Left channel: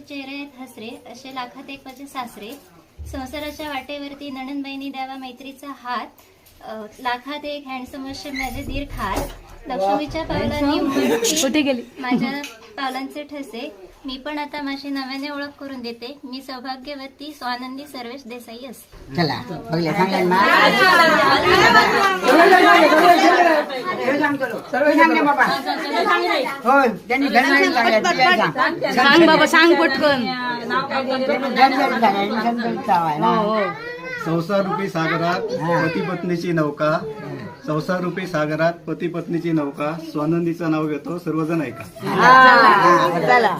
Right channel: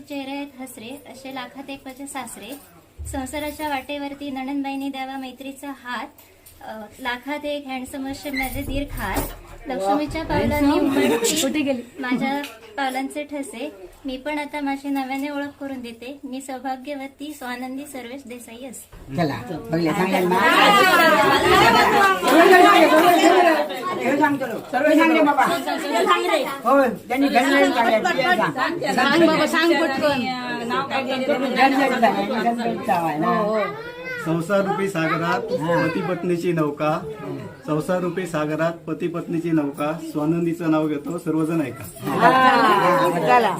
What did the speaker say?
लाखाचे चेहरे आहेत हसरे, असे लाखात एक माझे सासरे. संसाराच्या वाटेवरती नणंदबाईंनी द्यावा मैत्रीचा हात, लाखात एक हँडसम असे माझे दीर खास. लक्ष्मीच्या पावलांनी उमटती माझ्या पावलांचे ठसे. मी पण आता माझी नव्याने ओळख करून देते. मी सौभाग्यवती स्वानंदी सर्वेश देसाई असते. चला बघले सांगा ना सर्व सांगले बाबा. हो त्यांनी घरी सांग बाबा सांग पटकन संसार रूपी सागरात पती पत्नीची नौका, संसार रूपी सागरात पती पत्नीची नौका, स्वानंदीचं नाव घेतो सर्वजण ऐका. चला